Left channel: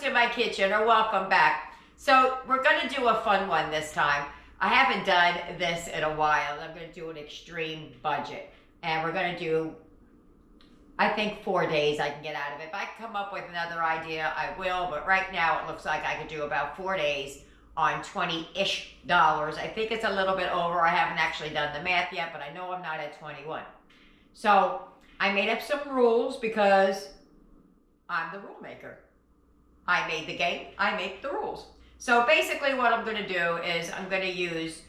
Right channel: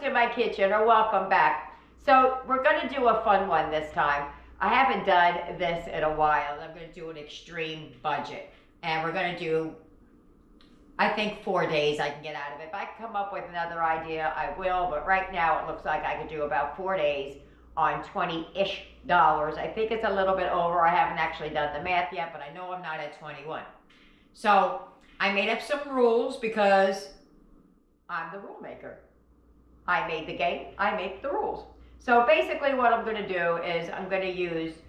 to my kitchen, or welcome back. So we're gonna do a fun one this time. I haven't done this in a while. I'm gonna do an extreme budget. And we're gonna do, I think 4 days I can get out of it. If I can come up with another idea, I will. But right now it looks like I could do about 4 days on $20-ish. I think it's a little bit over. I haven't actually done the math yet, but I know I'm not at 21. So I made up some rules because I'm the rule maker. I made the game, I make the rules. So basically what I'm gonna do is I'm gonna use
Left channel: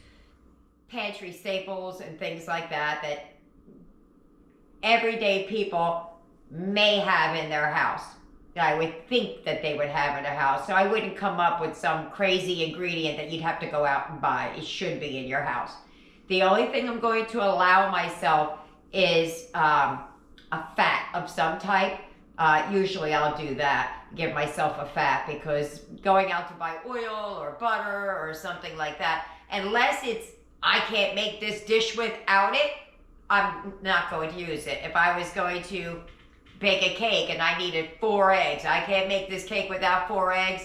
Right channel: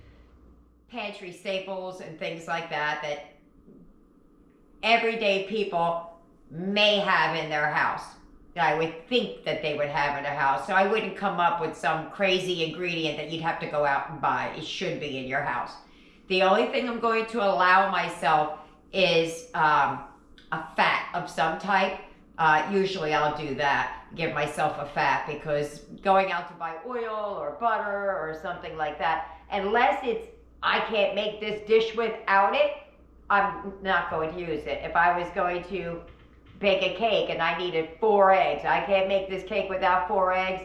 pantry staples and things like that that everyday people may have in their house, that I would think that they would have in their house. So I wouldn't come up with some crazy ingredient that you'd have to go out and buy. It should be in your house. The only thing I'm going to allow myself is a fat of some type. Usually I'll do that, give myself a fat, because going out to buy oil or butter or something like that, unless it's, I can't make this dish without it, I'm not going to use it. If I was going to bake a cake and I needed 4 eggs, I can't make this cake without 4 eggs,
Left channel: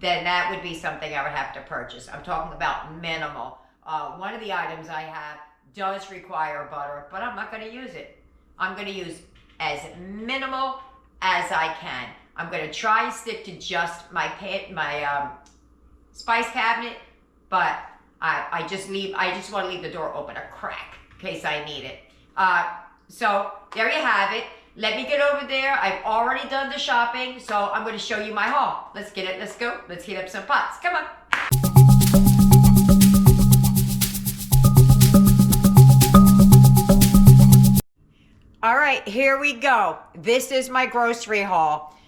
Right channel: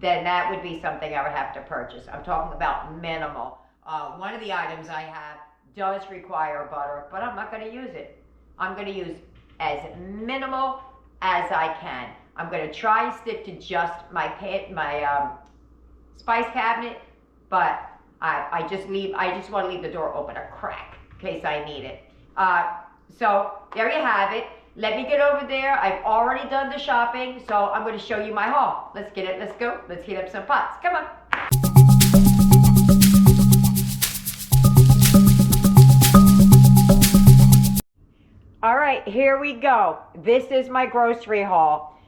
then that would be something I would have to purchase. I'm talking about minimal. One of the items I have does require butter, but I'm not gonna use it. I'm gonna use as minimal as I can. I'm gonna try and stick to just my spice cabinet, but I just want to leave the door open a crack in case I need it. So there you have it. Let me get over there. I've already done the shopping, so I'm going to show you my haul. Let's get it. Let's go. Let's heat up some pots. Come on. All right, here we go. This is my grocery haul.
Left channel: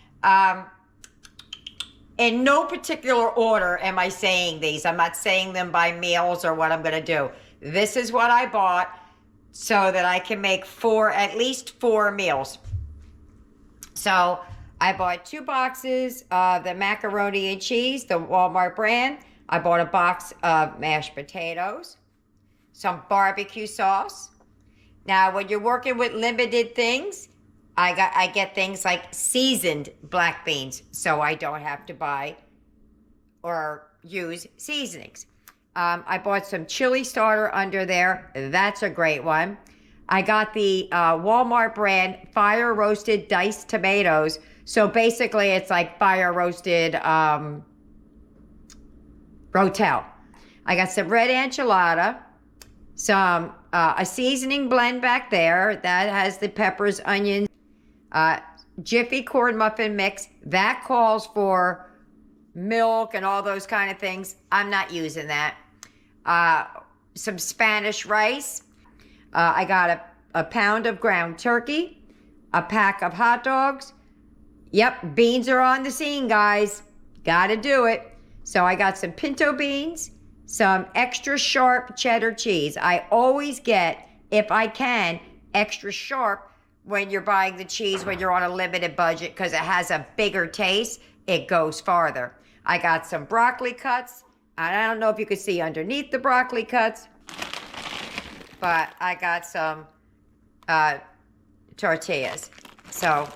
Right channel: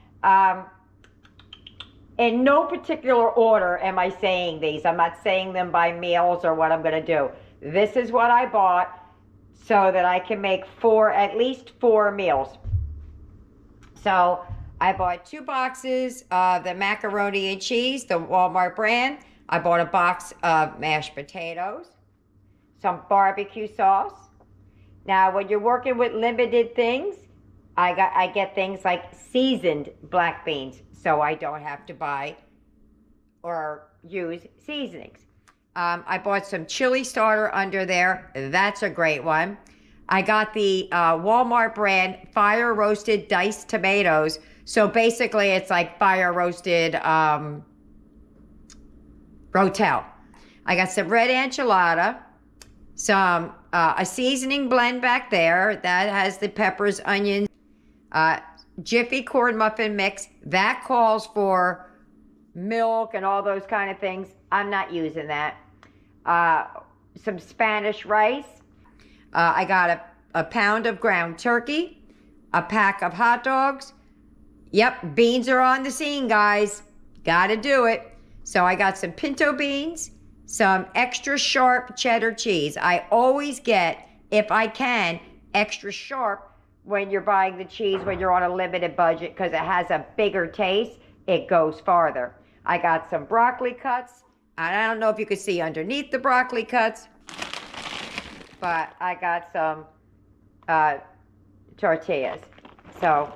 In no particular order am I saying these. I'm not saying them by meals or what I'm going to do. This is what I bought so that I can make at least four meals. So I bought 2 boxes of the macaroni and cheese, the Walmart brand. I bought a box of mashed potatoes, some barbecue sauce. Now, when you're working with limited things, I get things like seasoned black beans, so I don't have to buy or use seasonings. I bought some chili starter under there. That's a great one. I got the Walmart brand fire roasted diced tomatoes. So basically it's like fire roasted rotel. I got some red enchilada, some a seasoning blend back there that has the peppers, onions, Jiffy corn muffin mix. That calls for milk and all those kind of things. I'm not using that. Some Spanish rice. I got a pound of ground turkey, a pack of hot dogs. Yep, beans are on the scene, guys. Gotta do it. So I got some pinto beans, some extra sharp cheddar cheese. I always get, if I can, extra sharp when you're buying the cheese when you're on a limited budget, because it has a bigger taste. It goes farther. I got some broccoli cuts. I don't know if you could see underneath the broccoli cuts, but I got some tortillas. So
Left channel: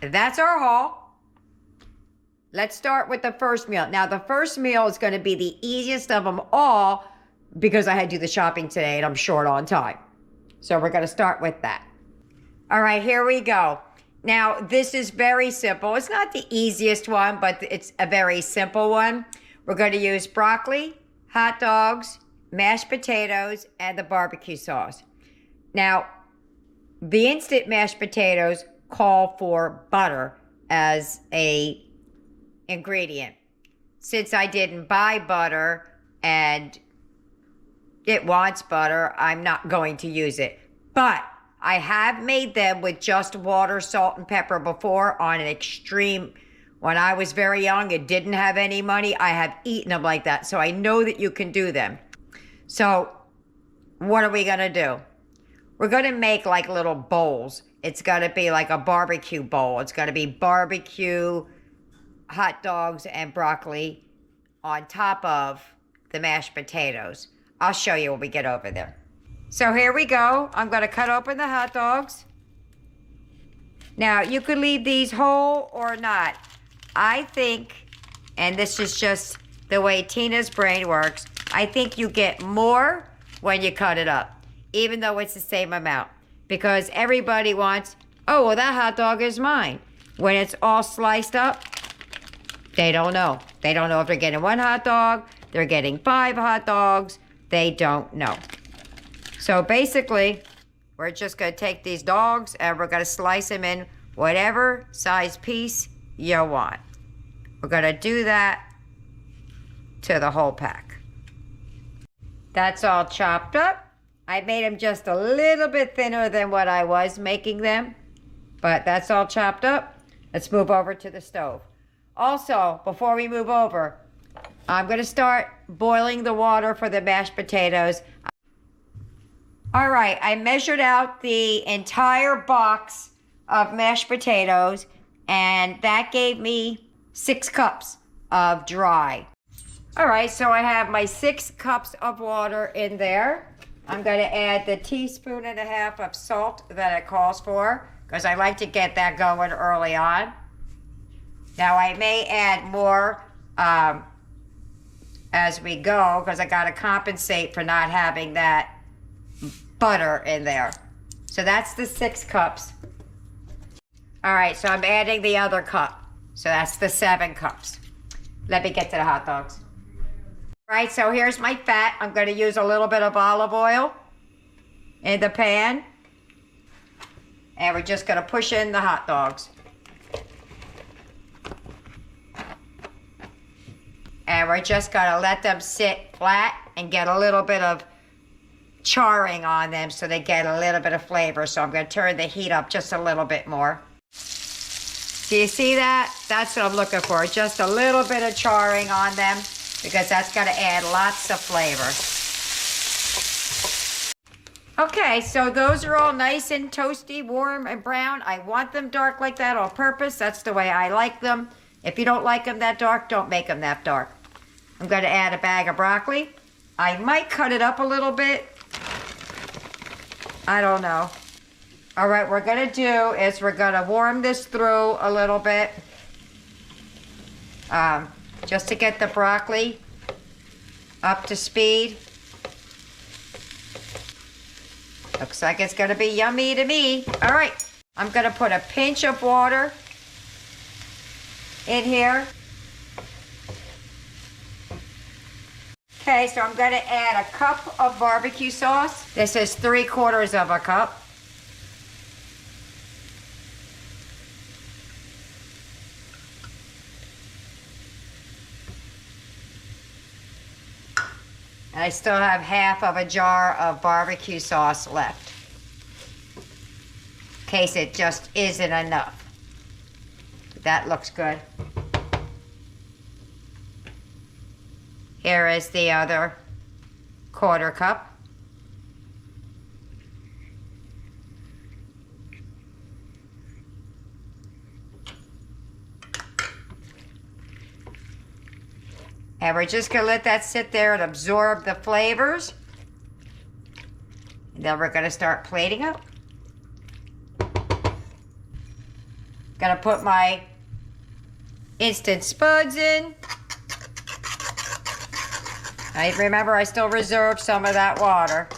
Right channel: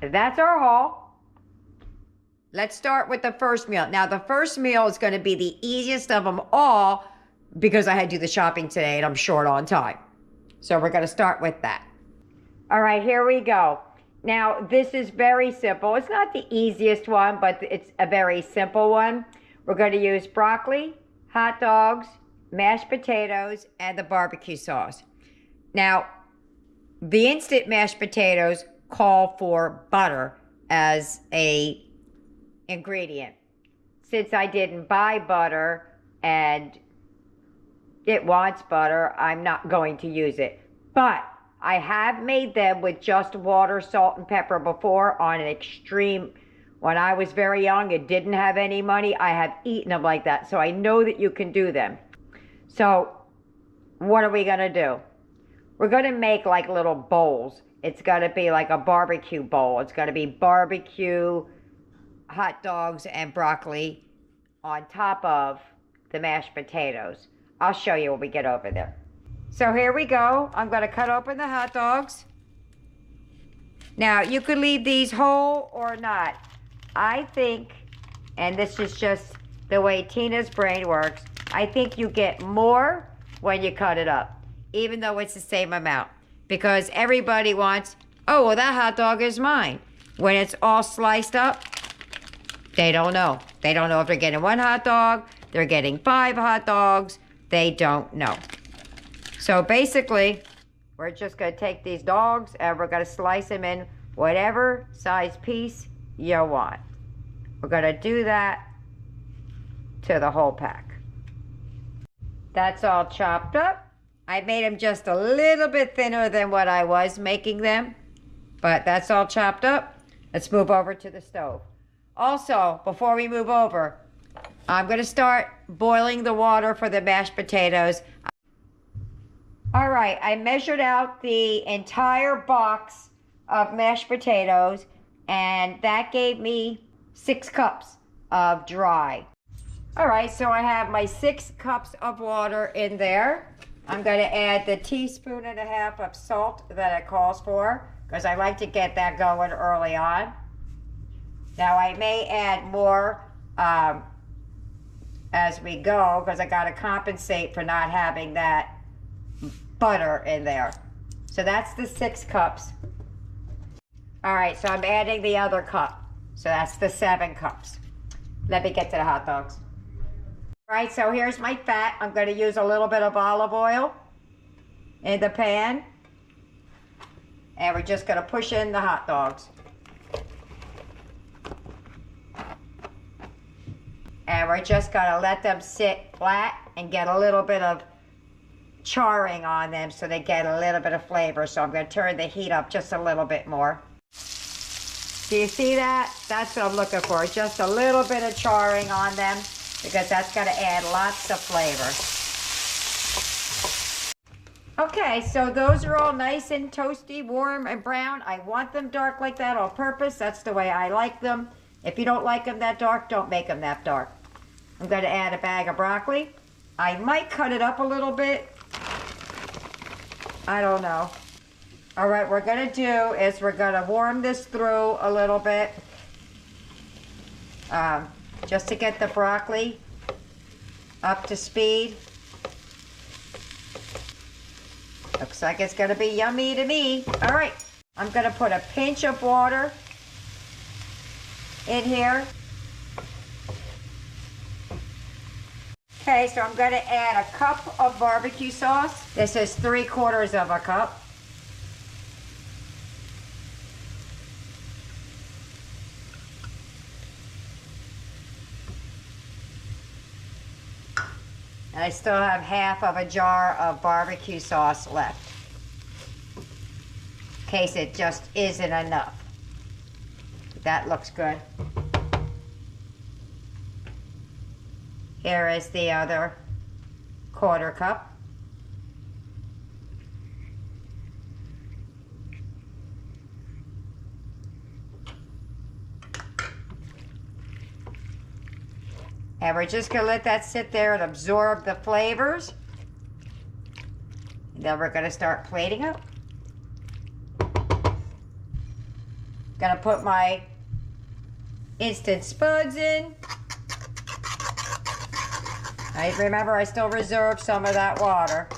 that's our haul. Let's start with the first meal. Now, the first meal is going to be the easiest of them all because I had to do the shopping today and I'm short on time. So we're going to start with that. All right, here we go. Now, this is very simple. It's not the easiest one, but it's a very simple one. We're going to use broccoli, hot dogs, mashed potatoes, and the barbecue sauce. Now, the instant mashed potatoes call for butter as a ingredient. Since I didn't buy butter and it wants butter, I'm not going to use it. But I have made them with just water, salt, and pepper before on an extreme. When I was very young and didn't have any money, I have eaten them like that. So I know that you can do them. So what are we going to do? We're going to make like little bowls. It's going to be like a barbecue bowl. It's going to be barbecue, hot dogs, and broccoli on top of the mashed potatoes. I'll show you when we get over there. So here we go. I'm going to cut open the hot dogs. Now, you could leave these whole or not. I think, and this is just the way Tina's brain works, I think you get more when you cut it up, even though it's the same amount. Because everybody wants, oh, well, that hot dog is mine. When it's all sliced up, they don't know. They don't know if they're getting one hot dog, they're getting 5 hot dogs. They don't know. So basically, we're just going to take these dogs and we're going to slice them in whatever size piece you want. We're going to do that to the whole pack. That's all chopped up. I made them just a little bit thinner than what I was making them, but that's all chopped up. Let's move over to the stove. Also, before we move over, I'm going to start boiling the water for the mashed potatoes. All right, I measured out the entire box of mashed potatoes, and that gave me 6 cups of dry. All right, so I have my 6 cups of water in there. I'm going to add the 1.5 teaspoons of salt that it calls for, because I like to get that going early on. Now I may add more as we go, because I got to compensate for not having that butter in there. So that's the 6 cups. All right, so I'm adding the other cup. So that's the 7 cups. Let me get to the hot dogs. All right, so here's my fat. I'm going to use a little bit of olive oil in the pan. And we're just going to push in the hot dogs. And we're just going to let them sit flat and get a little bit of charring on them so they get a little bit of flavor. So I'm going to turn the heat up just a little bit more. Do you see that? That's what I'm looking for. Just a little bit of charring on them, because that's going to add lots of flavor. Okay, so those are all nice and toasty, warm and brown. I want them dark like that on purpose. That's the way I like them. If you don't like them that dark, don't make them that dark. I'm going to add a bag of broccoli. I might cut it up a little bit. I don't know. All right, what we're going to do is we're going to warm this through a little bit. Just to get the broccoli up to speed. Looks like it's going to be yummy to me. All right, I'm going to put a pinch of water in here. Okay, so I'm going to add a cup of barbecue sauce. This is 3/4 of a cup. And I still have half of a jar of barbecue sauce left, in case it just isn't enough. That looks good. Here is the other 1/4 cup. And we're just going to let that sit there and absorb the flavors. And then we're going to start plating up. Going to put my instant spuds in. Remember, I still reserved some of that water.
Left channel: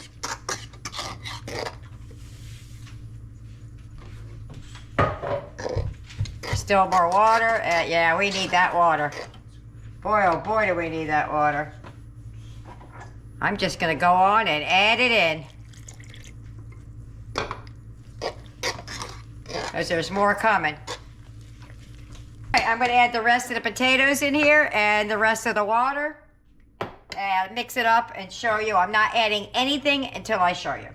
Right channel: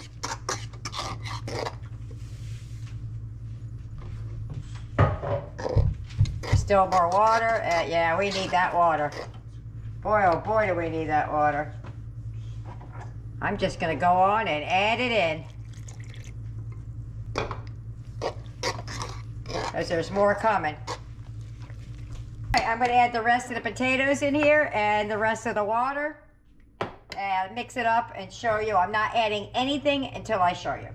Still more water. Yeah, we need that water. Boy, oh boy, do we need that water. I'm just going to go on and add it in, because there's more coming. Okay, I'm going to add the rest of the potatoes in here and the rest of the water. And mix it up and show you. I'm not adding anything until I show you.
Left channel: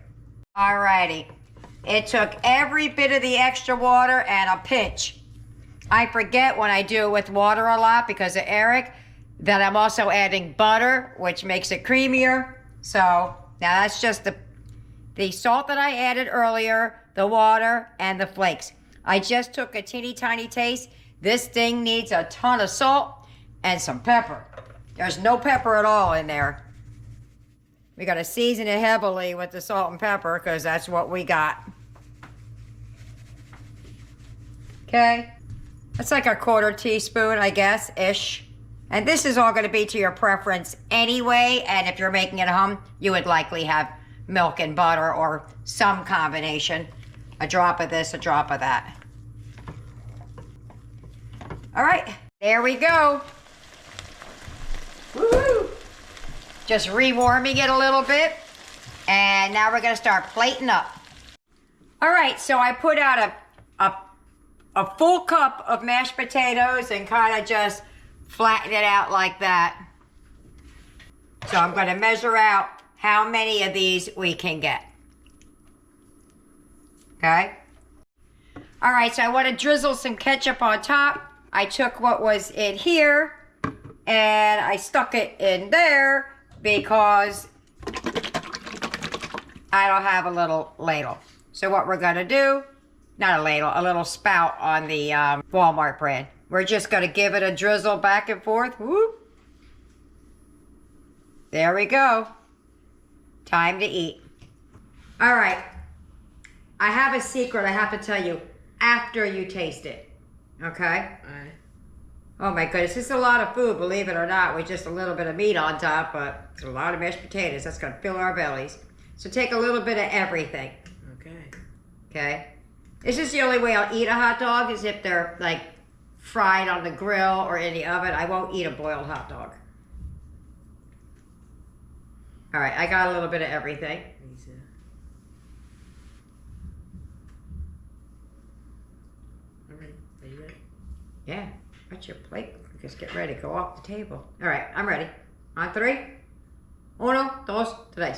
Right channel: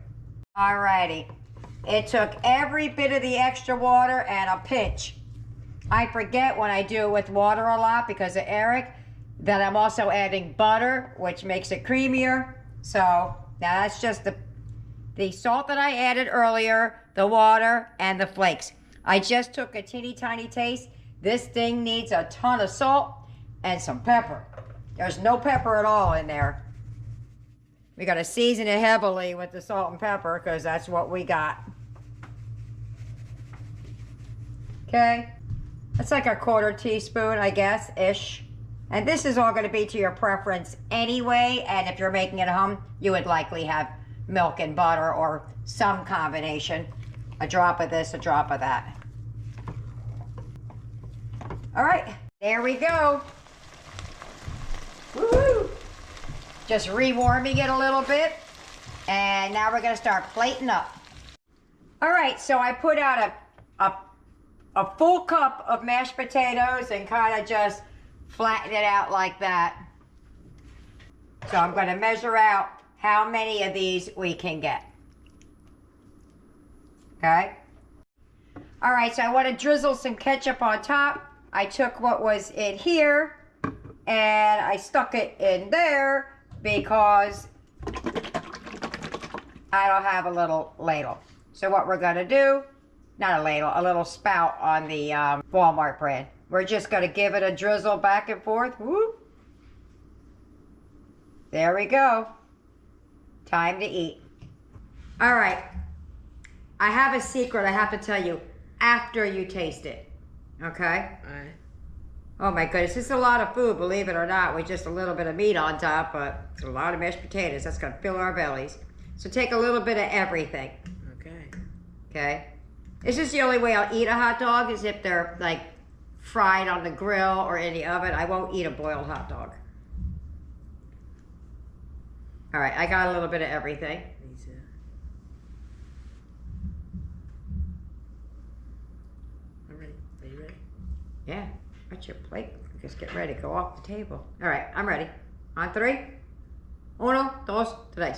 Alrighty. It took every bit of the extra water and a pinch. I forget when I do it with water a lot because of Eric that I'm also adding butter, which makes it creamier. So now that's just the salt that I added earlier, the water, and the flakes. I just took a teeny tiny taste. This thing needs a ton of salt and some pepper. There's no pepper at all in there. We got to season it heavily with the salt and pepper because that's what we got. Okay. That's like a 1/4 teaspoon, I guess, ish. And this is all going to be to your preference anyway. And if you're making it at home, you would likely have milk and butter or some combination. A drop of this, a drop of that. All right, there we go. Woo-hoo. Just rewarming it a little bit. And now we're gonna start plating up. All right, so I put out a full cup of mashed potatoes and kind of just flatten it out like that. So I'm gonna measure out how many of these we can get. Okay? All right, so I wanna drizzle some ketchup on top. I took what was in here and I stuck it in there because I don't have a little ladle. So what we're gonna do, not a ladle, a little spout on the Walmart brand. We're just gonna give it a drizzle back and forth. Whoop. There we go. Time to eat. All right, I have a secret I have to tell you after you taste it, okay? All right. Oh my goodness, this is a lot of food, believe it or not, with just a little bit of meat on top, but it's a lot of mashed potatoes. That's gonna fill our bellies. So take a little bit of everything. Okay. Okay? This is the only way I'll eat a hot dog is if they're like fried on the grill or in the oven. I won't eat a boiled hot dog. All right, I got a little bit of everything. Me too. All right, are you ready? Yeah, got your plate. Just get ready, go off the table. All right, I'm ready. On 3. 1, 2, 3.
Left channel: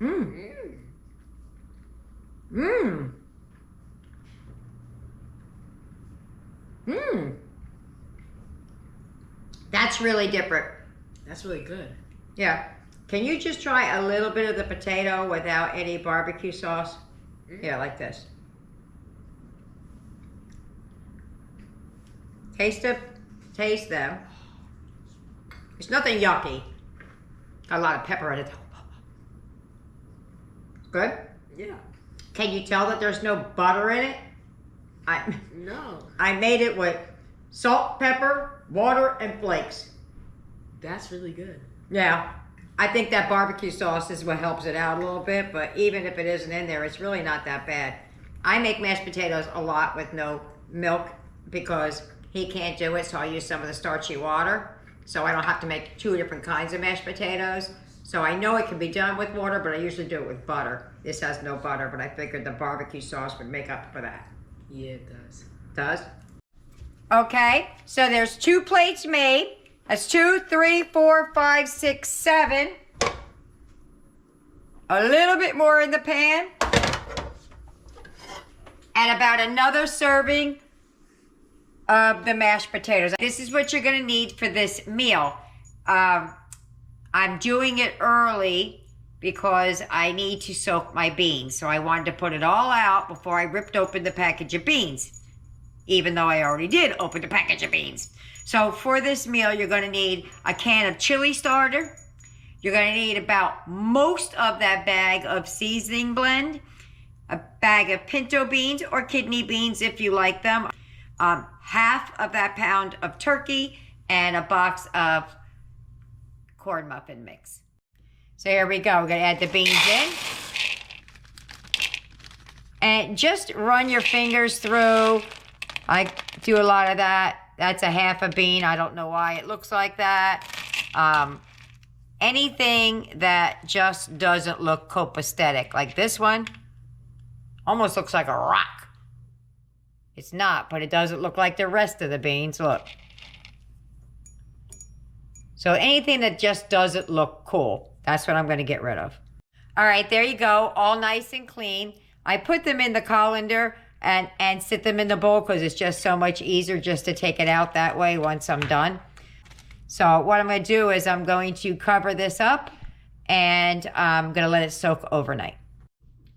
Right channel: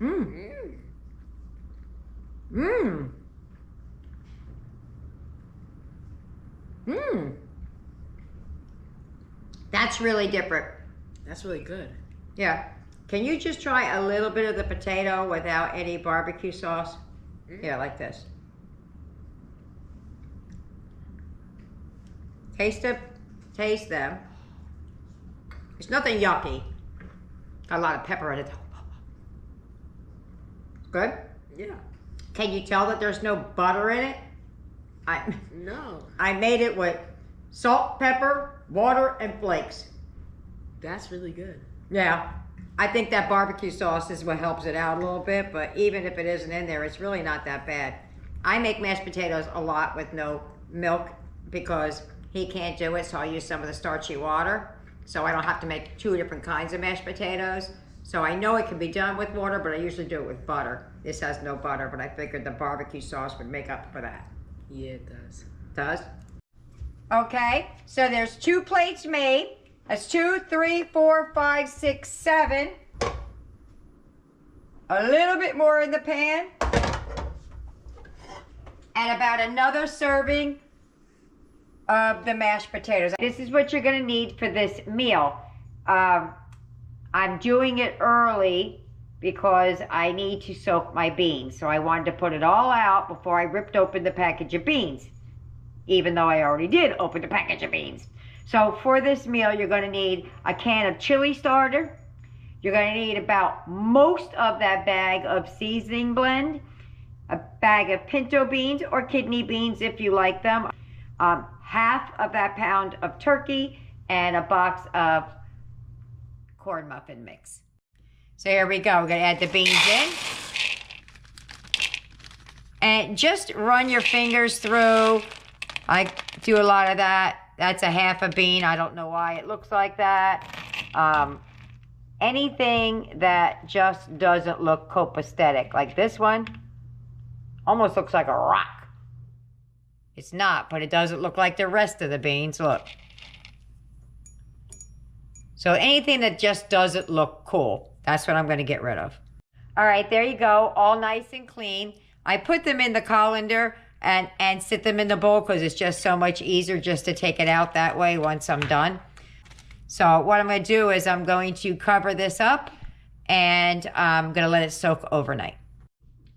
Mmm. Mmm. Mmm. That's really different. That's really good. Yeah. Can you just try a little bit of the potato without any barbecue sauce? Yeah, like this. Taste it. Taste them. It's nothing yucky. Got a lot of pepper in it. Good? Yeah. Can you tell that there's no butter in it? No. I made it with salt, pepper, water, and flakes. That's really good. Yeah. I think that barbecue sauce is what helps it out a little bit, but even if it isn't in there, it's really not that bad. I make mashed potatoes a lot with no milk because he can't do it, so I use some of the starchy water. So I don't have to make 2 different kinds of mashed potatoes. So I know it can be done with water, but I usually do it with butter. This has no butter, but I figured the barbecue sauce would make up for that. Yeah, it does. Does? Okay, so there's 2 plates made. That's 2, 3, 4, 5, 6, 7. A little bit more in the pan. And about another serving of the mashed potatoes. This is what you're gonna need for this meal. I'm doing it early because I need to soak my beans. So I wanted to put it all out before I ripped open the package of beans, even though I already did open the package of beans. So for this meal, you're gonna need a can of chili starter. You're gonna need about most of that bag of seasoning blend, a bag of pinto beans or kidney beans if you like them, half of that pound of turkey, and a box of corn muffin mix. So here we go. We're gonna add the beans in. And just run your fingers through. I do a lot of that. That's a half a bean. I don't know why it looks like that. Anything that just doesn't look copacetic, like this one, almost looks like a rock. It's not, but it doesn't look like the rest of the beans. Look. So anything that just doesn't look cool, that's what I'm going to get rid of. All right, there you go, all nice and clean. I put them in the colander and sit them in the bowl because it's just so much easier just to take it out that way once I'm done. So what I'm going to do is I'm going to cover this up and I'm going to let it soak overnight.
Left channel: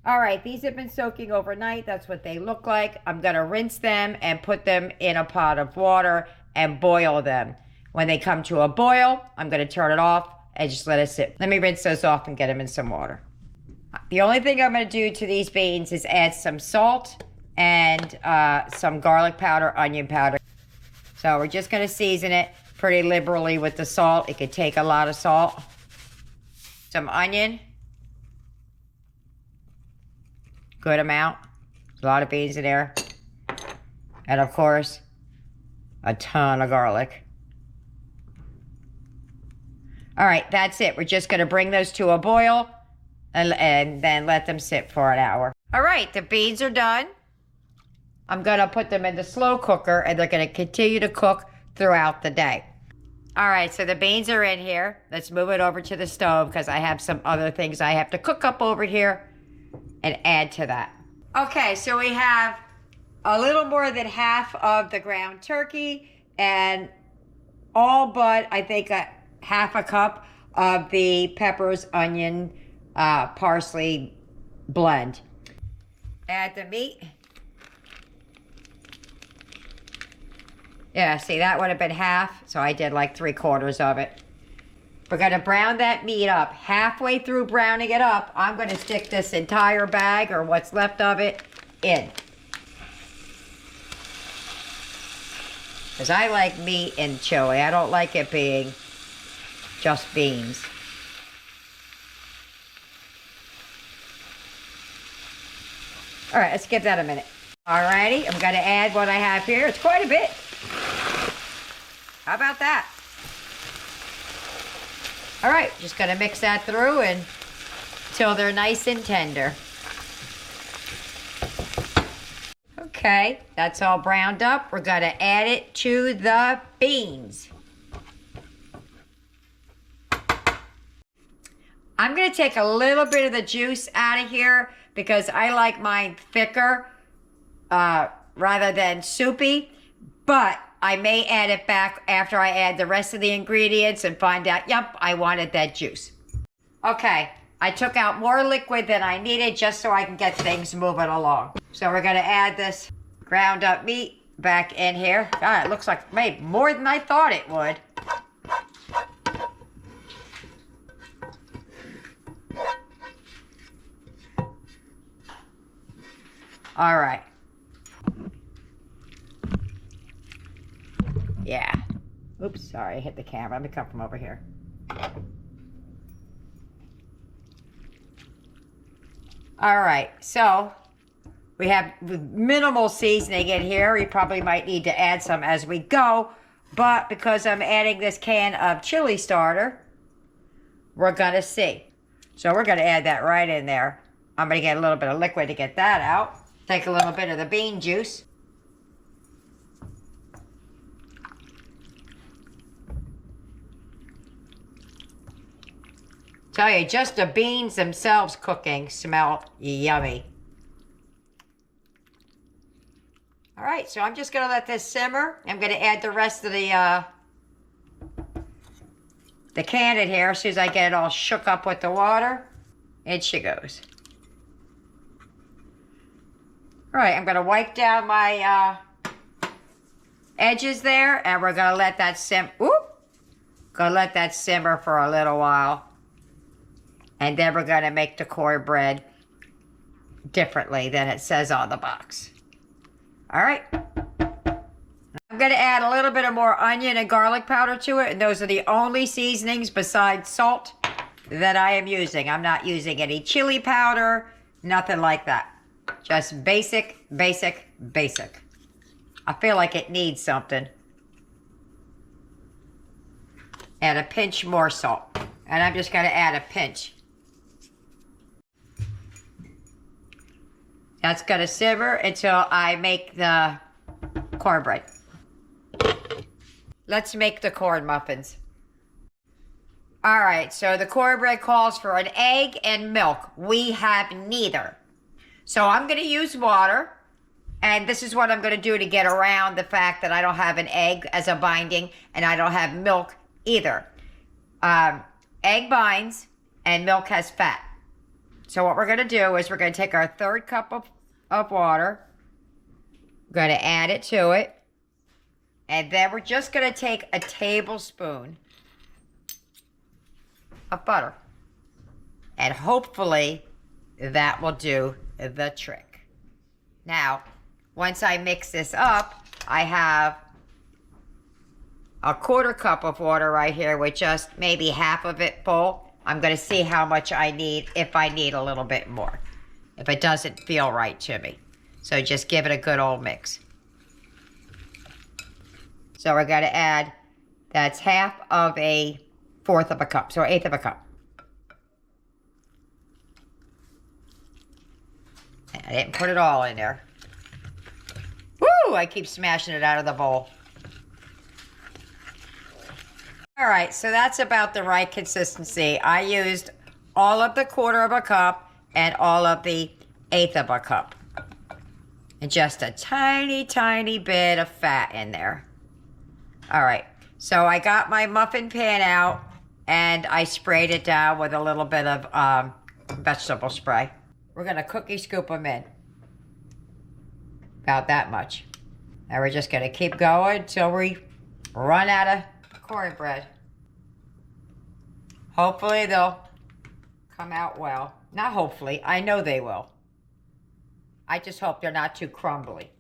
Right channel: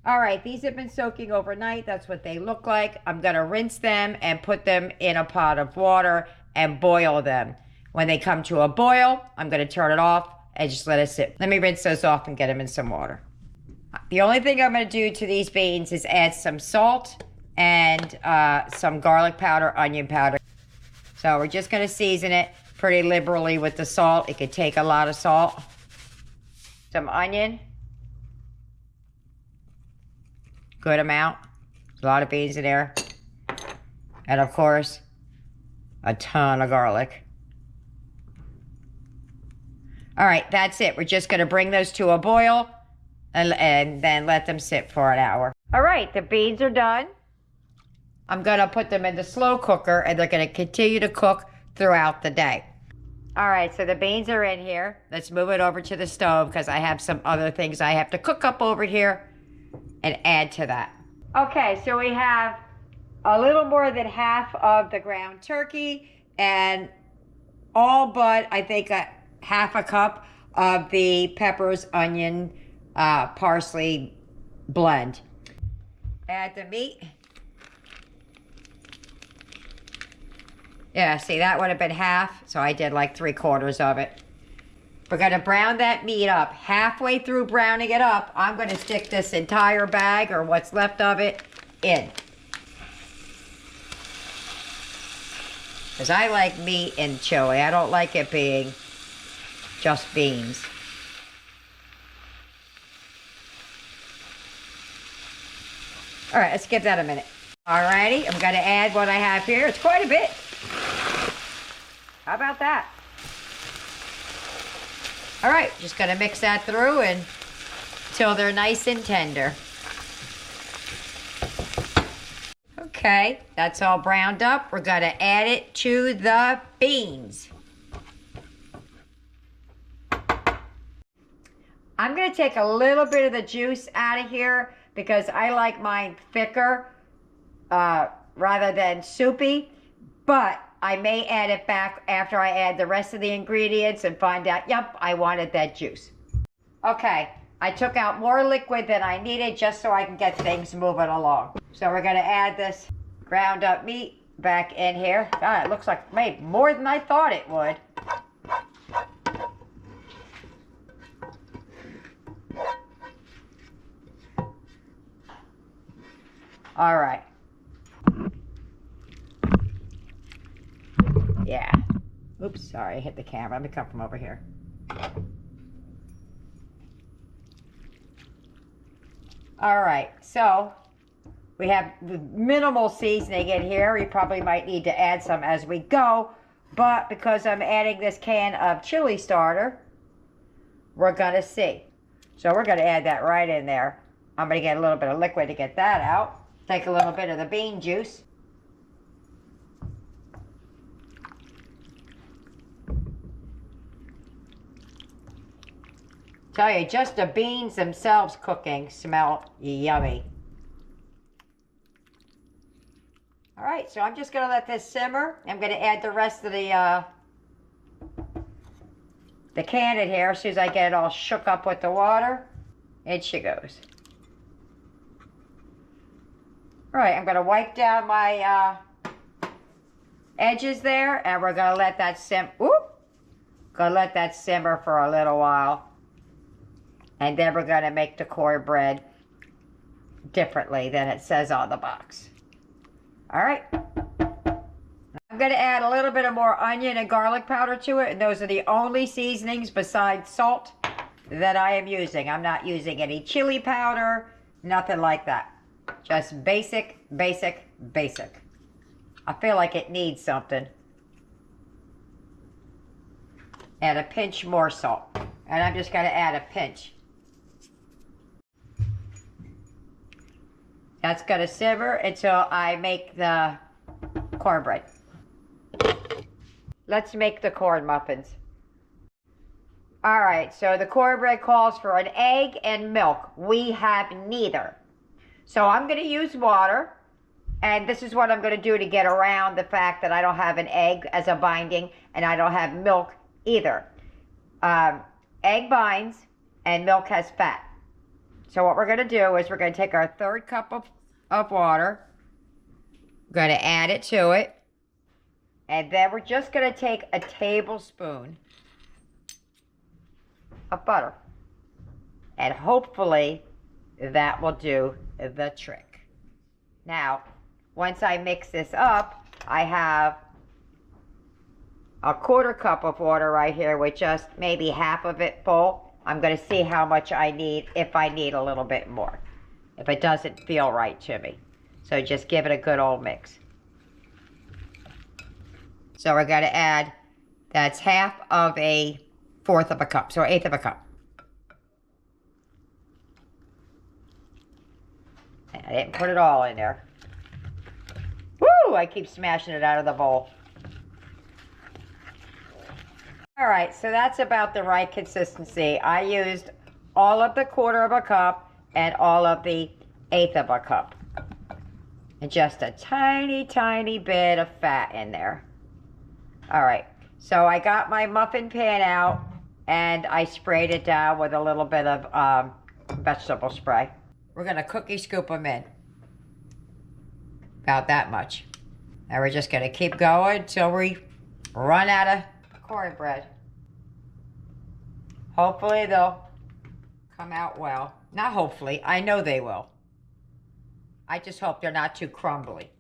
All right, these have been soaking overnight. That's what they look like. I'm going to rinse them and put them in a pot of water and boil them. When they come to a boil, I'm going to turn it off and just let it sit. Let me rinse those off and get them in some water. The only thing I'm going to do to these beans is add some salt and some garlic powder, onion powder. So we're just going to season it pretty liberally with the salt. It could take a lot of salt. Some onion. Good amount. A lot of beans in there. And of course, a ton of garlic. All right, that's it. We're just going to bring those to a boil and then let them sit for an hour. All right, the beans are done. I'm going to put them in the slow cooker, and they're going to continue to cook throughout the day. All right, so the beans are in here. Let's move it over to the stove because I have some other things I have to cook up over here and add to that. Okay, so we have a little more than half of the ground turkey and all but, I think, half a cup of the peppers, onion, parsley blend. Add the meat. Yeah, see, that would have been half, so I did like 3/4 of it. We're going to brown that meat up. Halfway through browning it up, I'm going to stick this entire bag, or what's left of it, in. Because I like meat in chili. I don't like it being just beans. All right, let's give that a minute. All righty, I'm going to add what I have here. It's quite a bit. How about that? All right, just going to mix that through until they're nice and tender. Okay, that's all browned up. We're going to add it to the beans. I'm going to take a little bit of the juice out of here because I like mine thicker rather than soupy, but I may add it back after I add the rest of the ingredients and find out, yep, I wanted that juice. Okay, I took out more liquid than I needed just so I can get things moving along. So we're gonna add this ground up meat back in here. God, it looks like it made more than I thought it would. All right. Yeah. Oops, sorry, I hit the camera. Let me come from over here. All right, so we have minimal seasoning in here. We probably might need to add some as we go, but because I'm adding this can of chili starter, we're gonna see. So we're gonna add that right in there. I'm gonna get a little bit of liquid to get that out. Take a little bit of the bean juice. Tell you, just the beans themselves cooking smell yummy. All right, so I'm just gonna let this simmer. I'm gonna add the rest of the can in here as soon as I get it all shook up with the water. In she goes. All right, I'm gonna wipe down my edges there, and we're gonna let that simmer for a little while. And then we're going to make the cornbread differently than it says on the box. All right. I'm going to add a little bit of more onion and garlic powder to it. And those are the only seasonings besides salt that I am using. I'm not using any chili powder, nothing like that. Just basic, basic, basic. I feel like it needs something. And a pinch more salt. And I'm just going to add a pinch. That's going to simmer until I make the cornbread. Let's make the corn muffins. All right, so the cornbread calls for an egg and milk. We have neither. So I'm going to use water. And this is what I'm going to do to get around the fact that I don't have an egg as a binding and I don't have milk either. Egg binds and milk has fat. So what we're going to do is we're going to take our 1/3 cup of water. We're going to add it to it. And then we're just going to take a tablespoon of butter. And hopefully that will do the trick. Now, once I mix this up, I have a 1/4 cup of water right here with just maybe half of it full. I'm going to see how much I need, if I need a little bit more, if it doesn't feel right to me. So just give it a good old mix. So we're going to add, that's half of a 1/4 of a cup, so 1/8 of a cup. I didn't put it all in there. Woo! I keep smashing it out of the bowl. All right, so that's about the right consistency. I used all of the 1/4 of a cup and all of the 1/8 of a cup. And just a tiny, tiny bit of fat in there. All right, so I got my muffin pan out and I sprayed it down with a little bit of vegetable spray. We're gonna cookie scoop them in. About that much. And we're just gonna keep going until we run out of cornbread. Hopefully they'll come out well. Not hopefully, I know they will. I just hope they're not too crumbly.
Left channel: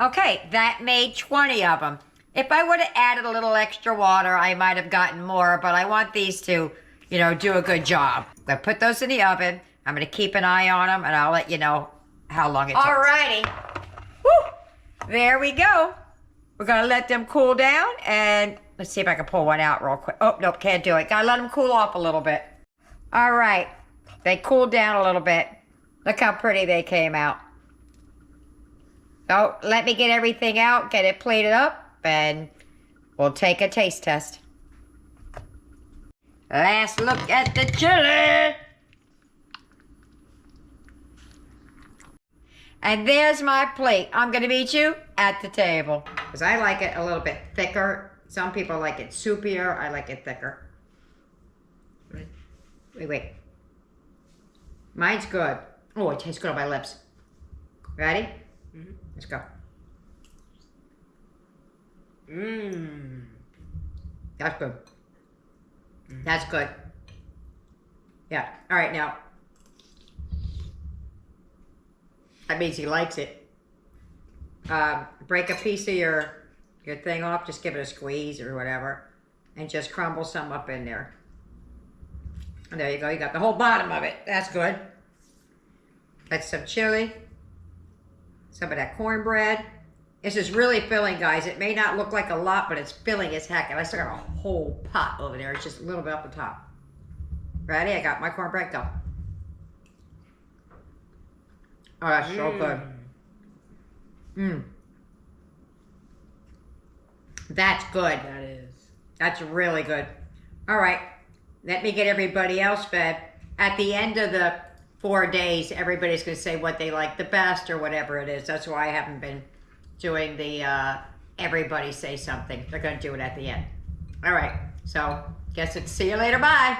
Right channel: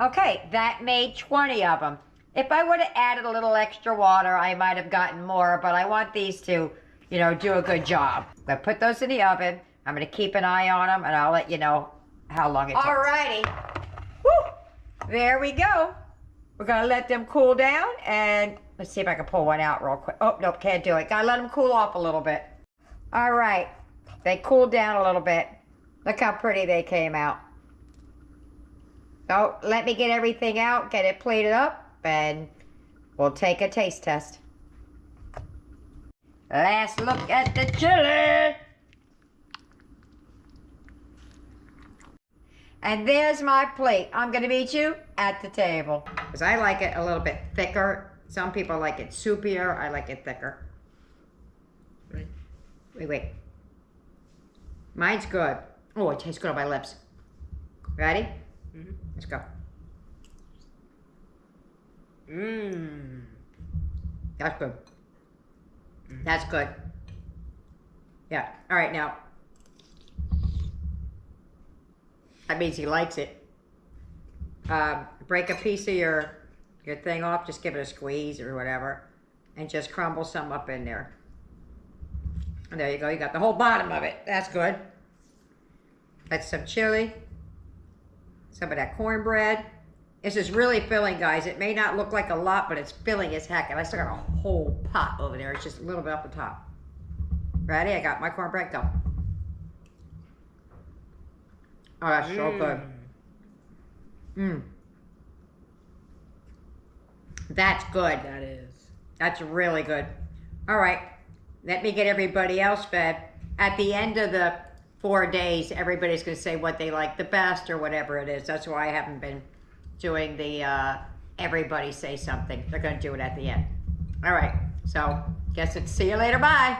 Okay, that made 20 of them. If I would have added a little extra water, I might have gotten more, but I want these to, you know, do a good job. I put those in the oven. I'm gonna keep an eye on them and I'll let you know how long it takes. Alrighty. Woo! There we go. We're gonna let them cool down and let's see if I can pull one out real quick. Oh, nope, can't do it. Gotta let them cool off a little bit. All right, they cooled down a little bit. Look how pretty they came out. So let me get everything out, get it plated up, and we'll take a taste test. Last look at the chili. And there's my plate. I'm gonna meet you at the table. Because I like it a little bit thicker. Some people like it soupier. I like it thicker. Wait. Mine's good. Oh, it tastes good on my lips. Ready? Mm-hmm. Let's go. Mmm. That's good. Mm. That's good. Yeah. All right, now. That means he likes it. Break a piece of your thing off. Just give it a squeeze or whatever. And just crumble some up in there. And there you go. You got the whole bottom of it. That's good. That's some chili. Some of that cornbread. This is really filling, guys. It may not look like a lot, but it's filling as heck. And I still got a whole pot over there. It's just a little bit off the top. Ready? I got my cornbread. Go. Oh, that's so good. Mmm. That's good. That is. That's really good. All right. Let me get everybody else fed. At the end of the 4 days, everybody's going to say what they like the best or whatever it is. That's why I haven't been doing the everybody say something. They're going to do it at the end. All right. So, guess it's see you later. Bye.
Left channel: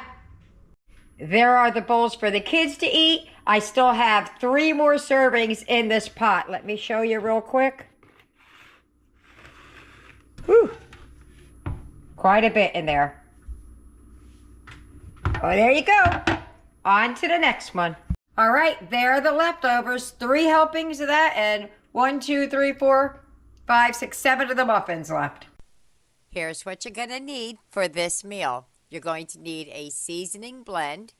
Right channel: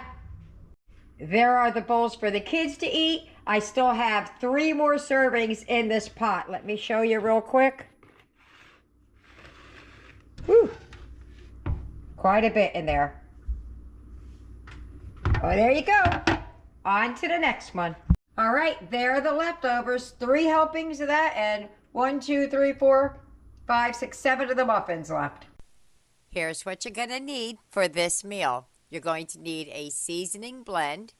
There are the bowls for the kids to eat. I still have 3 more servings in this pot. Let me show you real quick. Whew. Quite a bit in there. Oh, there you go. On to the next one. All right, there are the leftovers. 3 helpings of that and 1, 2, 3, 4, 5, 6, 7 of the muffins left. Here's what you're gonna need for this meal. You're going to need a seasoning blend,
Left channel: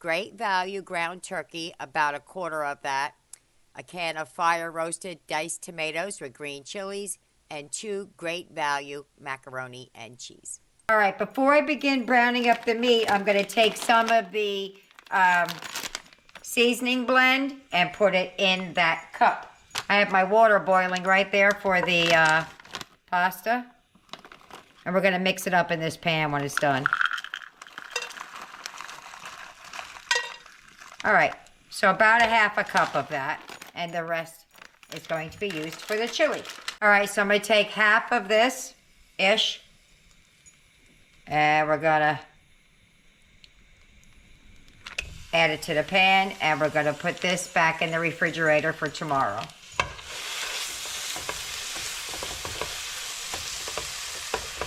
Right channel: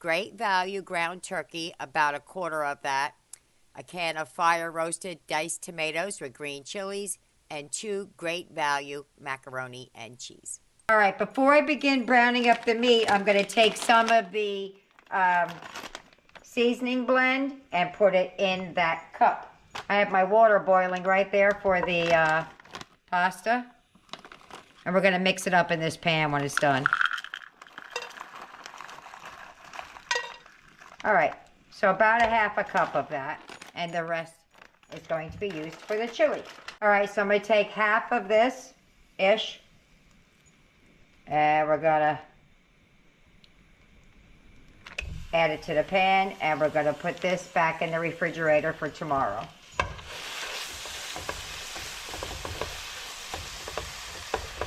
Great Value ground turkey, about 1/4 of that, a can of fire roasted diced tomatoes with green chilies, and 2 Great Value macaroni and cheese. All right, before I begin browning up the meat, I'm going to take some of the seasoning blend and put it in that cup. I have my water boiling right there for the pasta. And we're going to mix it up in this pan when it's done. All right, so about 1/2 cup of that, and the rest is going to be used for the chili. All right, so I'm going to take half of this-ish, and we're going to add it to the pan, and we're going to put this back in the refrigerator for tomorrow.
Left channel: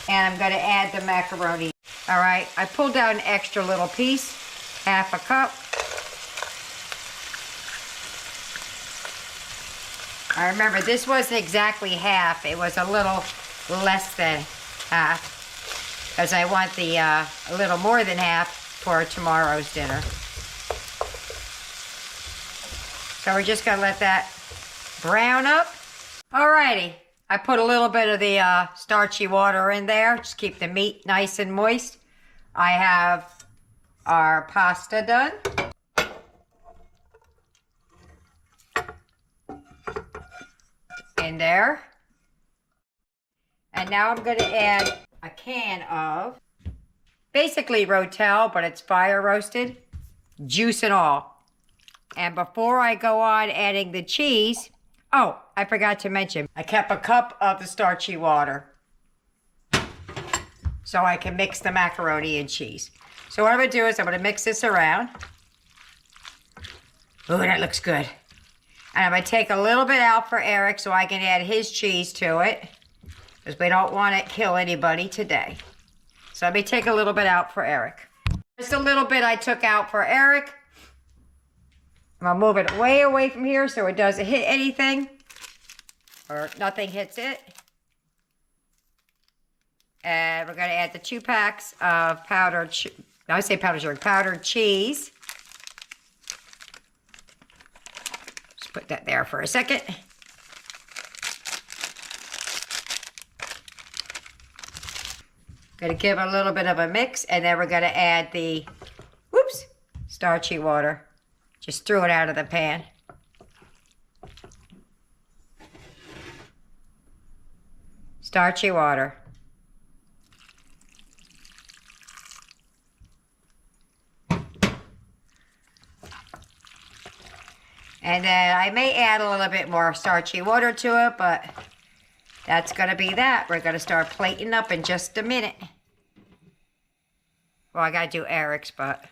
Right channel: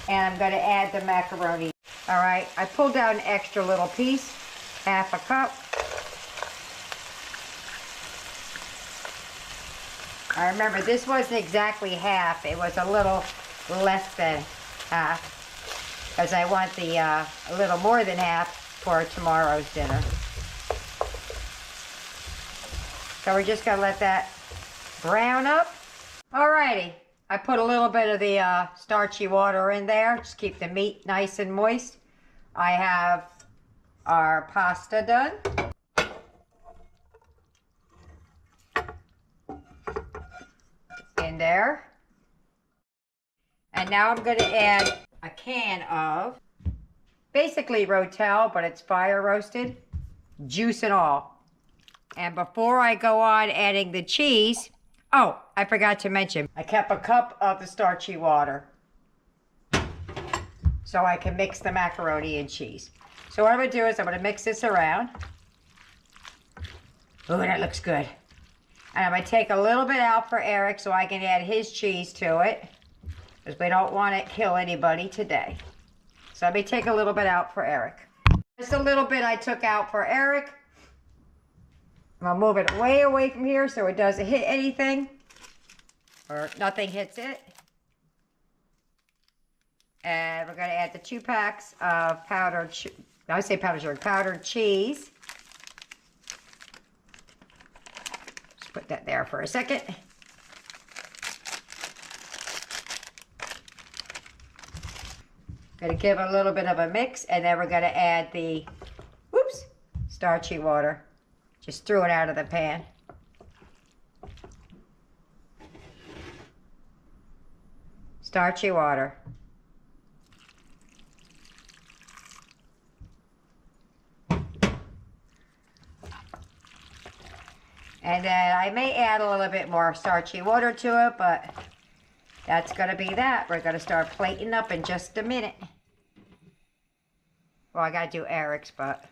And I'm going to add the macaroni. All right, I pulled out an extra little piece, 1/2 cup. I remember this wasn't exactly half. It was a little less than half. Because I want the a little more than half for tomorrow's dinner. So we're just gonna let that brown up. Alrighty, I put a little bit of the starchy water in there. Just keep the meat nice and moist. I have our pasta done. In there. And now I'm going to add a can of basically Rotel, but it's fire roasted, juice and all. And before I go on adding the cheese, oh, I forgot to mention, I kept a cup of the starchy water so I can mix the macaroni and cheese. So what I'm going to do is I'm going to mix this around. Ooh, that looks good. And I'm going to take a little bit out for Eric so I can add his cheese to it. Because we don't want to kill anybody today. So let me take a little bit out for Eric. Just a little bit I took out for Eric. I'm going to move it way away from here so it doesn't hit anything. Or nothing hits it. And we're going to add the 2 packs of powdered cheese. Put that there for a second. Gonna give a little bit of a mix, and then we're gonna add the, starchy water. Just threw it out of the pan. Starchy water. And then I may add a little bit more starchy water to it, but that's going to be that. We're going to start plating up in just a minute. Well, I got to do Eric's, but...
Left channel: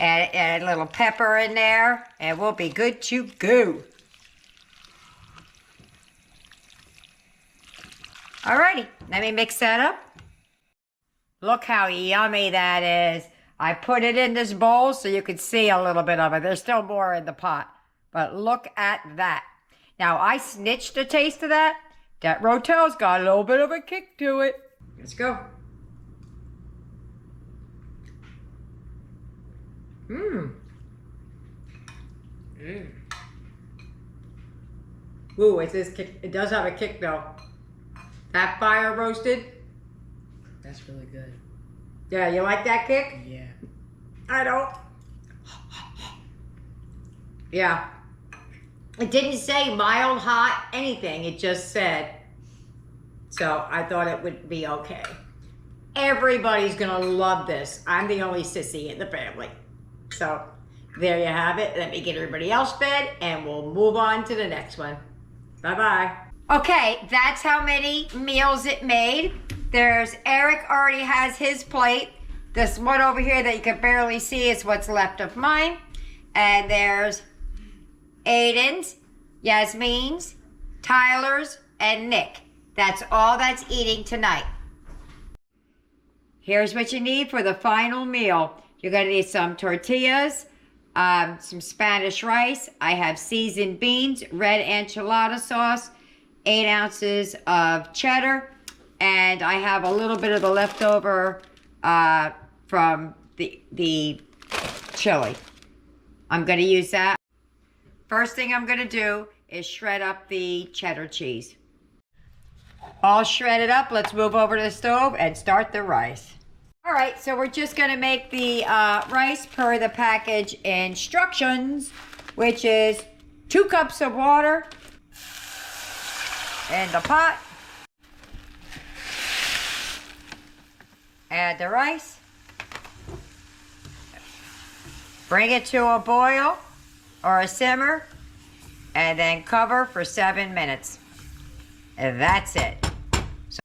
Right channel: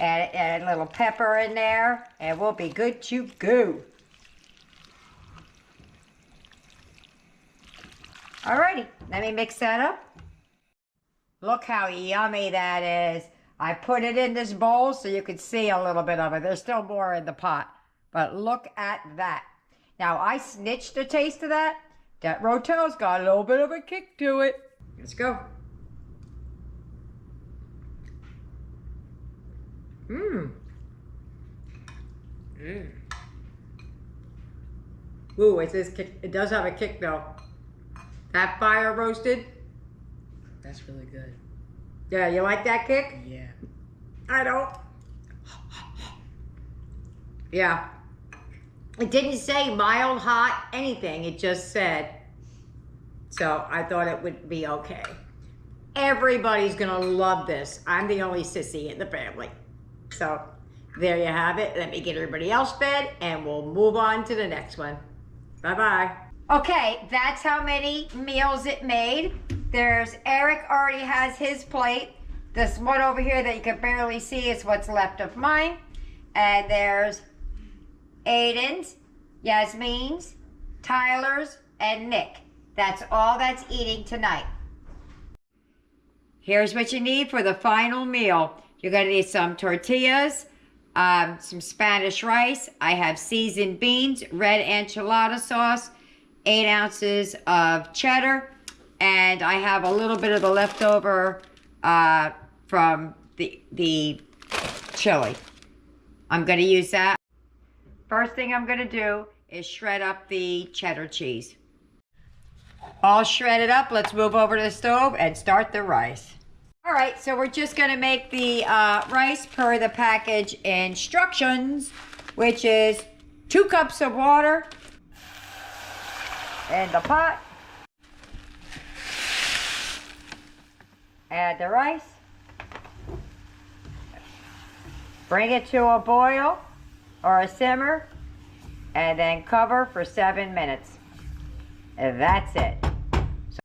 Add a little pepper in there, and we'll be good to go. Alrighty, let me mix that up. Look how yummy that is. I put it in this bowl so you can see a little bit of it. There's still more in the pot, but look at that. Now, I snitched a taste of that. That Rotel's got a little bit of a kick to it. Let's go. Mmm. Mmm. Ooh, it says kick. It does have a kick though. That fire roasted. That's really good. Yeah, you like that kick? Yeah. I don't. Yeah. It didn't say mild, hot, anything. It just said. So I thought it would be okay. Everybody's gonna love this. I'm the only sissy in the family. So there you have it. Let me get everybody else fed and we'll move on to the next one. Bye-bye. Okay, that's how many meals it made. There's Eric already has his plate. This one over here that you can barely see is what's left of mine. And there's Aiden's, Yasmin's, Tyler's, and Nick. That's all that's eating tonight. Here's what you need for the final meal. You're gonna need some tortillas, some Spanish rice. I have seasoned beans, red enchilada sauce, 8 ounces of cheddar, and I have a little bit of the leftover from the chili. I'm gonna use that. First thing I'm gonna do is shred up the cheddar cheese. All shredded up, let's move over to the stove and start the rice. All right, so we're just gonna make the rice per the package instructions, which is 2 cups of water in the pot. Add the rice. Bring it to a boil or a simmer, and then cover for 7 minutes. And that's it. So,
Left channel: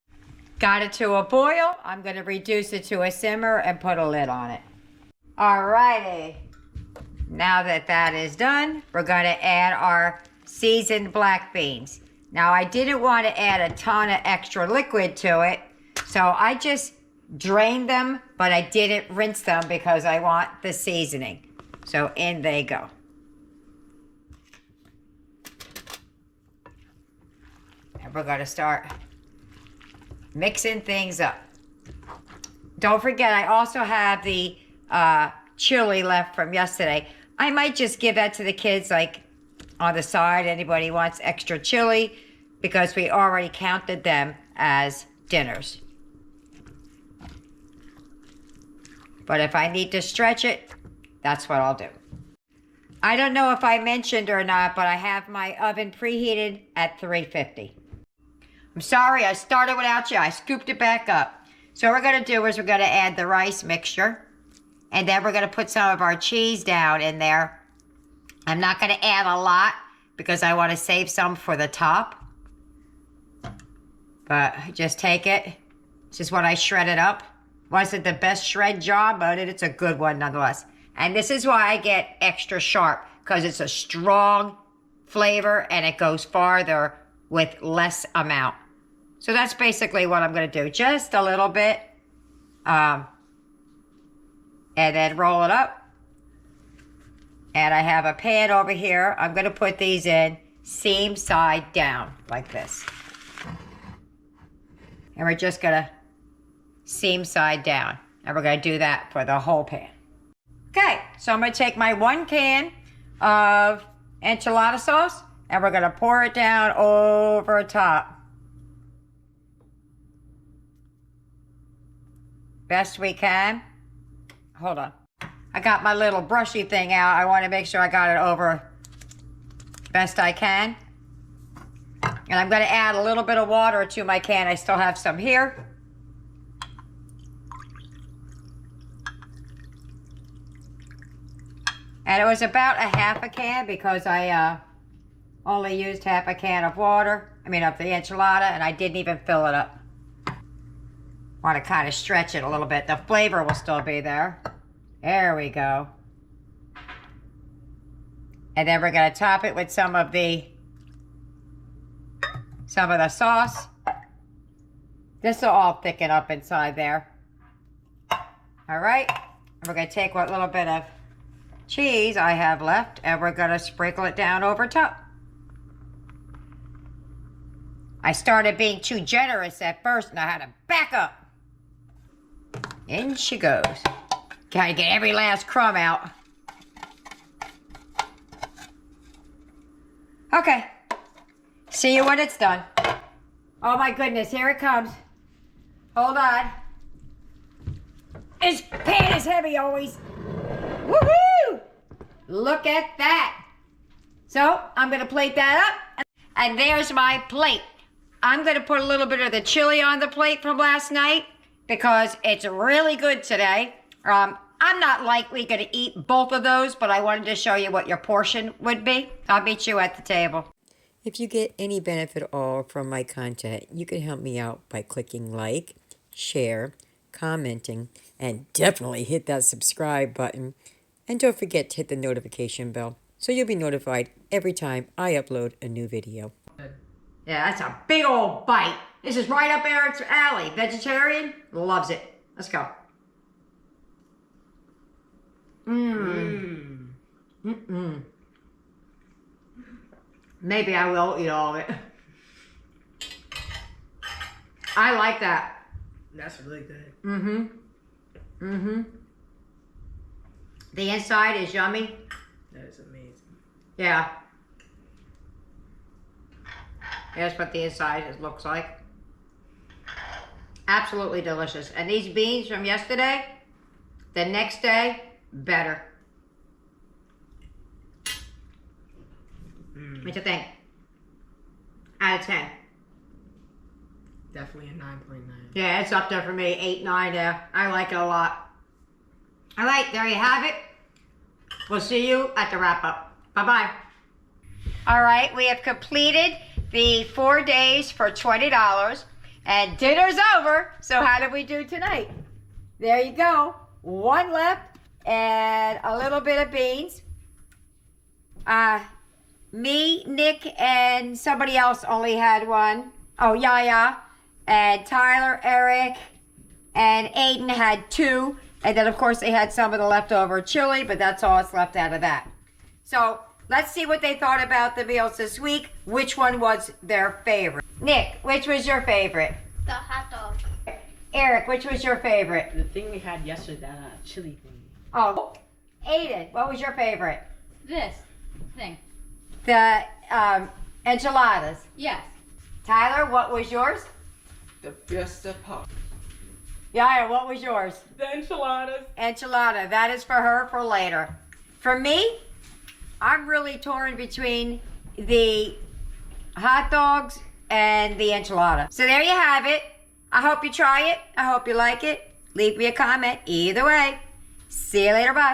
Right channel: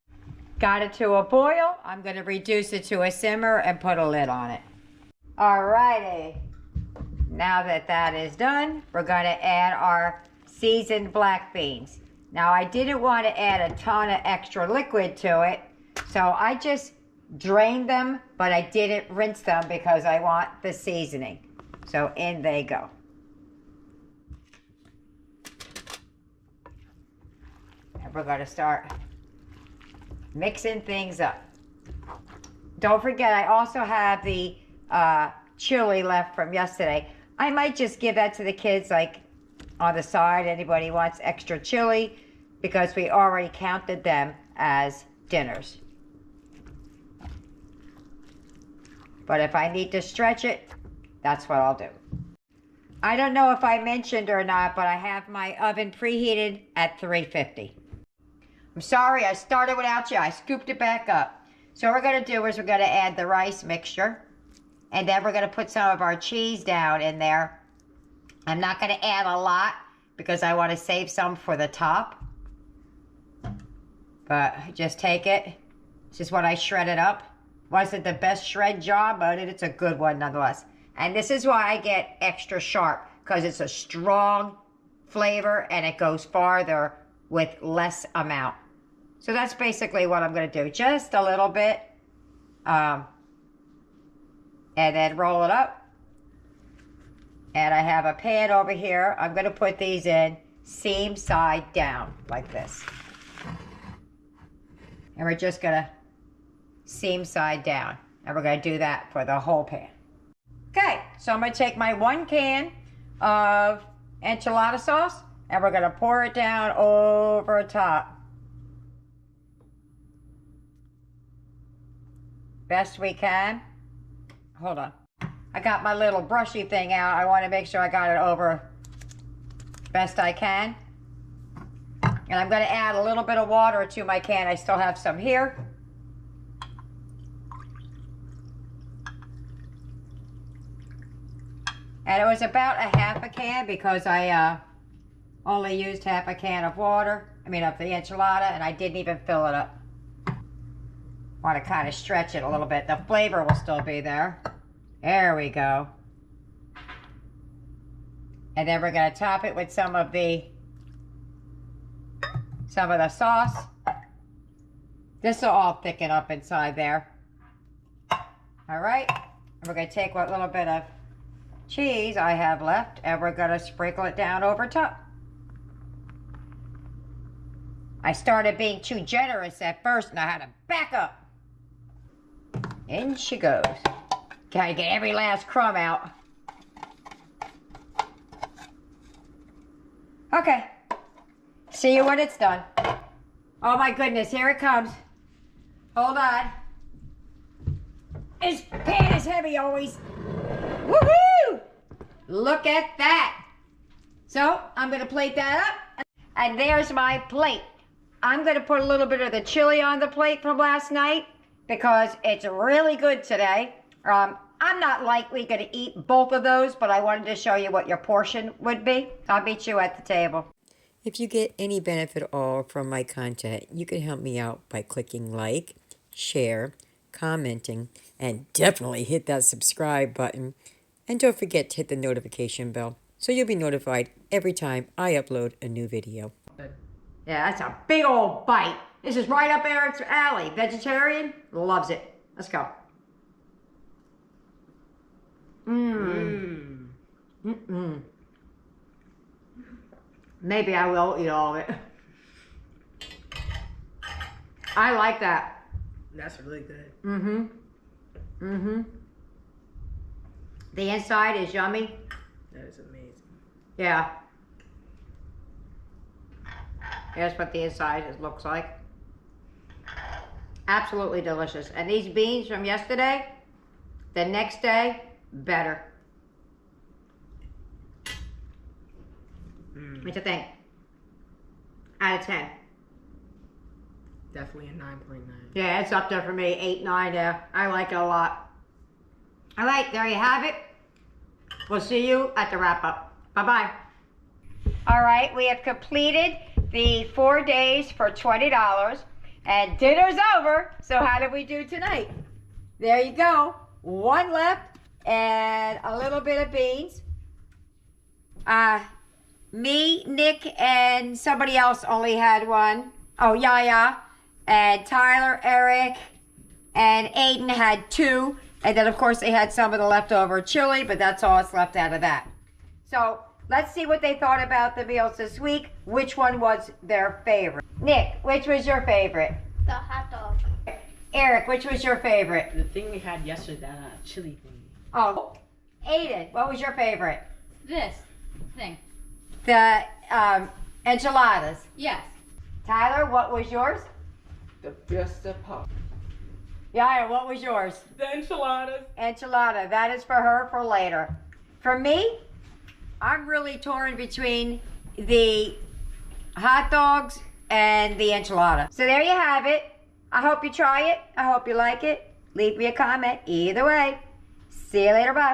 got it to a boil. I'm going to reduce it to a simmer and put a lid on it. Alrighty. Now that that is done, we're going to add our seasoned black beans. Now, I didn't want to add a ton of extra liquid to it, so I just drained them, but I didn't rinse them because I want the seasoning. So in they go. And we're going to start mixing things up. Don't forget, I also have the chili left from yesterday. I might just give that to the kids, like on the side. Anybody wants extra chili, because we already counted them as dinners. But if I need to stretch it, that's what I'll do. I don't know if I mentioned or not, but I have my oven preheated at 350. I'm sorry, I started without you. I scooped it back up. So what we're going to do is we're going to add the rice mixture. And then we're going to put some of our cheese down in there. I'm not going to add a lot because I want to save some for the top. But just take it. This is what I shredded up. Wasn't the best shred job, but it's a good one nonetheless. And this is why I get extra sharp, because it's a strong flavor and it goes farther with less amount. So that's basically what I'm going to do. Just a little bit. And then roll it up. And I have a pan over here. I'm going to put these in seam side down like this. And we're just going to seam side down. And we're going to do that for the whole pan. Okay, so I'm going to take my 1 can of enchilada sauce and we're going to pour it down over top. Best we can. Hold on. I got my little brushy thing out. I want to make sure I got it over best I can. And I'm going to add a little bit of water to my can. I still have some here. And it was about a half a can because I only used half a can of water. I mean, of the enchilada, and I didn't even fill it up. Want to kind of stretch it a little bit. The flavor will still be there. There we go. And then we're going to top it with some of the sauce. This will all thicken up inside there. All right. And we're going to take what little bit of cheese I have left and we're going to sprinkle it down over top. I started being too generous at first and I had to back up. In she goes. Gotta get every last crumb out. Okay. See you when it's done. Oh my goodness, here it comes. Hold on. This pan is heavy always. Woohoo! Look at that. So, I'm going to plate that up. And there's my plate. I'm going to put a little bit of the chili on the plate from last night because it's really good today. I'm not likely going to eat both of those, but I wanted to show you what your portion would be. I'll meet you at the table. If you get any benefit at all from my content, you can help me out by clicking like, share, commenting, and definitely hit that subscribe button. And don't forget to hit the notification bell so you'll be notified every time I upload a new video. Yeah, that's a big old bite. This is right up Eric's alley. Vegetarian? Loves it. Let's go. Mmm. Mm-mm. Maybe I will eat all of it. I like that. That's really good. Mm-hmm. Mm-hmm. The inside is yummy. That is amazing. Yeah. That's what the inside looks like. Absolutely delicious. And these beans from yesterday, the next day, better. What you think? Out of 10. Definitely a 9.9. Yeah, it's up there for me. 8, 9 there. I like it a lot. All right, there you have it. We'll see you at the wrap-up. Bye-bye. All right, we have completed the 4 days for $20. And dinner's over. So how did we do tonight? There you go. 1 left and a little bit of beans. Me, Nick, and somebody else only had 1. Oh, Yaya. And Tyler, Eric, and Aiden had 2. And then, of course, they had some of the leftover chili, but that's all that's left out of that. So let's see what they thought about the meals this week. Which one was their favorite? Nick, which was your favorite? The hot dog. Eric, which was your favorite? The thing we had yesterday, that chili thing. Oh, Aiden, what was your favorite? This thing. The enchiladas. Yes. Tyler, what was yours? The Fiesta Pop. Yaya, what was yours? The enchiladas. Enchilada. That is for her for later. For me, I'm really torn between the hot dogs and the enchilada. So there you have it. I hope you try it. I hope you like it. Leave me a comment. Either way. See you later. Bye.